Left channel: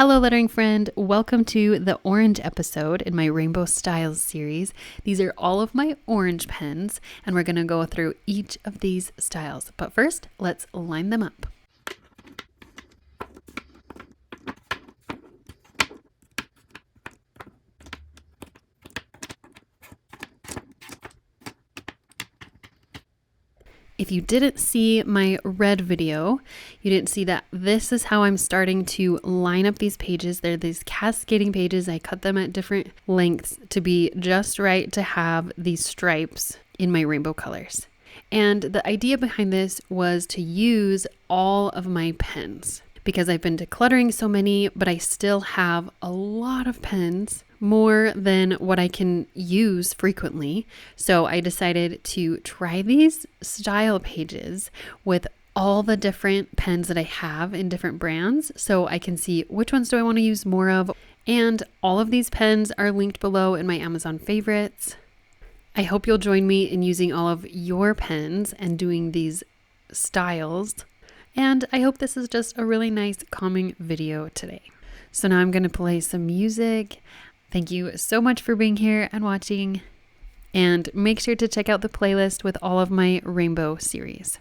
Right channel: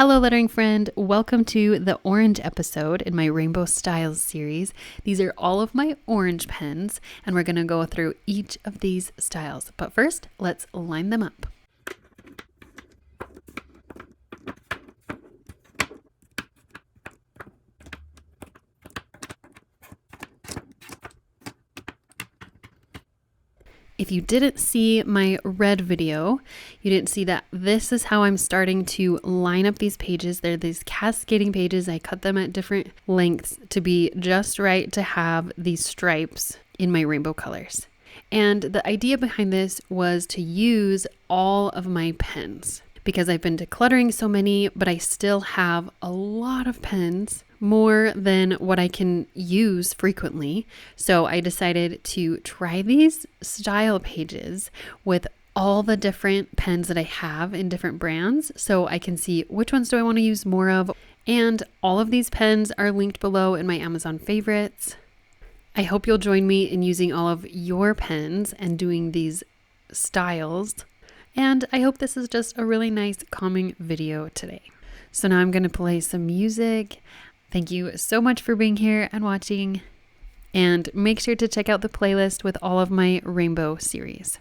Hello, lettering friend. Welcome to the orange episode in my Rainbow Styles series. These are all of my orange pens, and we're going to go through each of these styles. But first, let's line them up. If you didn't see my red video, you didn't see that this is how I'm starting to line up these pages. They're these cascading pages. I cut them at different lengths to be just right to have these stripes in my rainbow colors. And the idea behind this was to use all of my pens because I've been decluttering so many, but I still have a lot of pens, more than what I can use frequently. So I decided to try these style pages with all the different pens that I have in different brands so I can see which ones do I want to use more of. And all of these pens are linked below in my Amazon favorites. I hope you'll join me in using all of your pens and doing these styles. And I hope this is just a really nice calming video today. So now I'm going to play some music. Thank you so much for being here and watching. And make sure to check out the playlist with all of my rainbow series.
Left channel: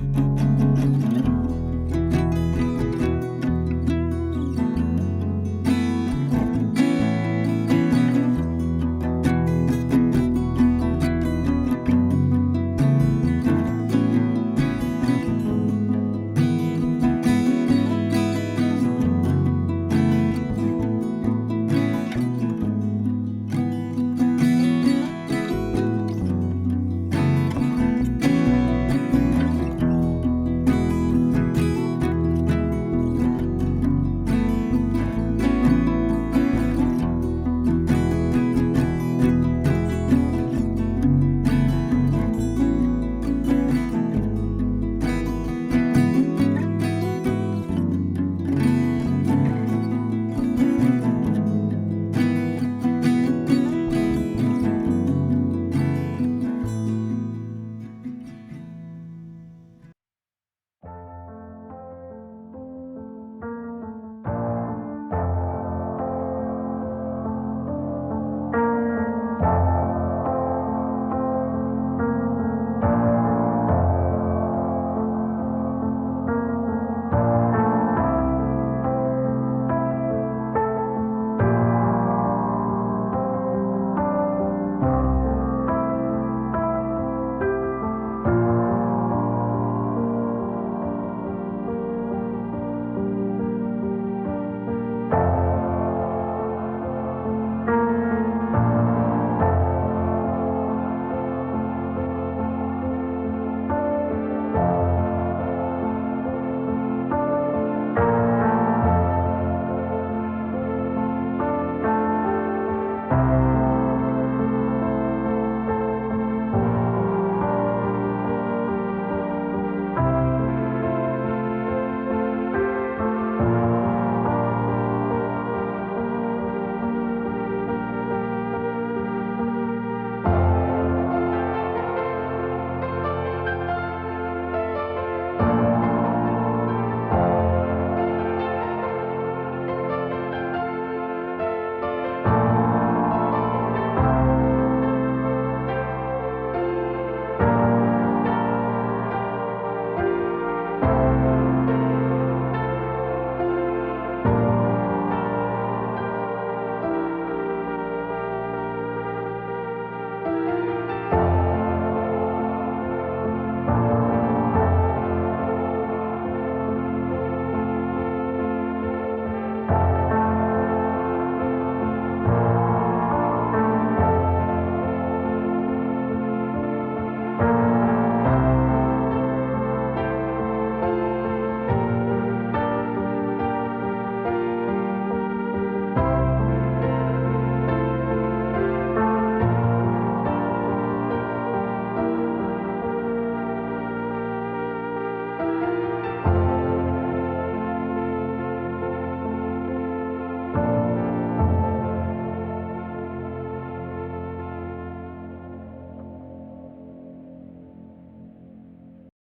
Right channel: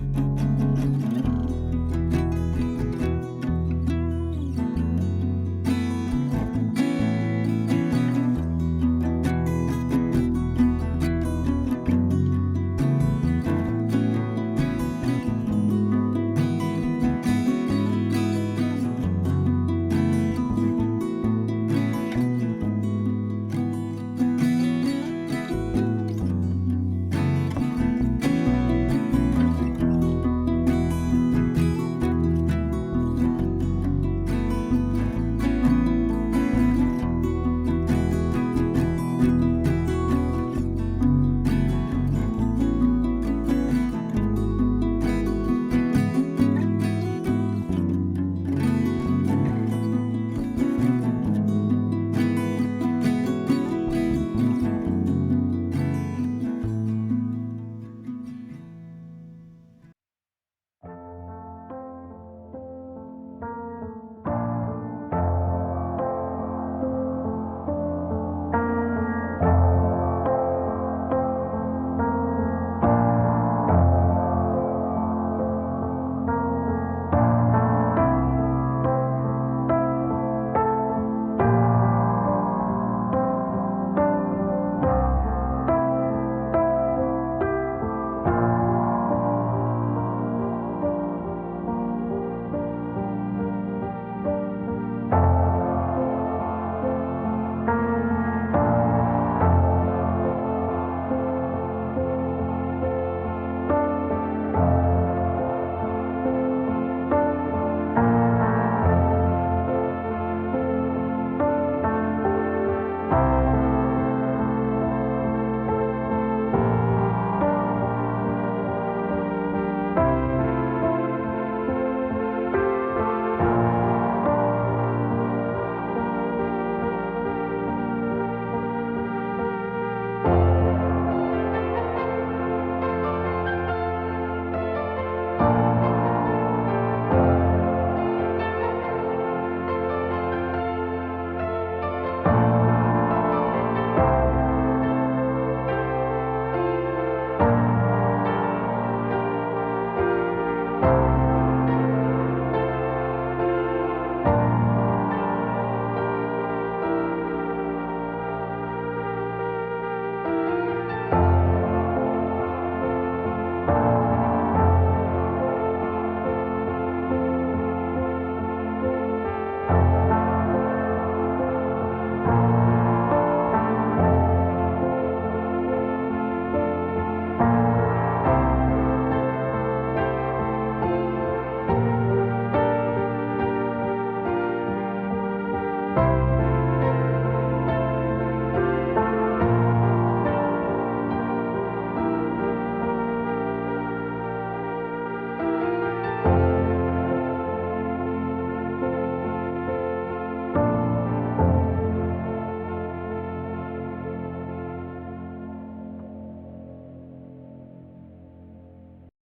bye.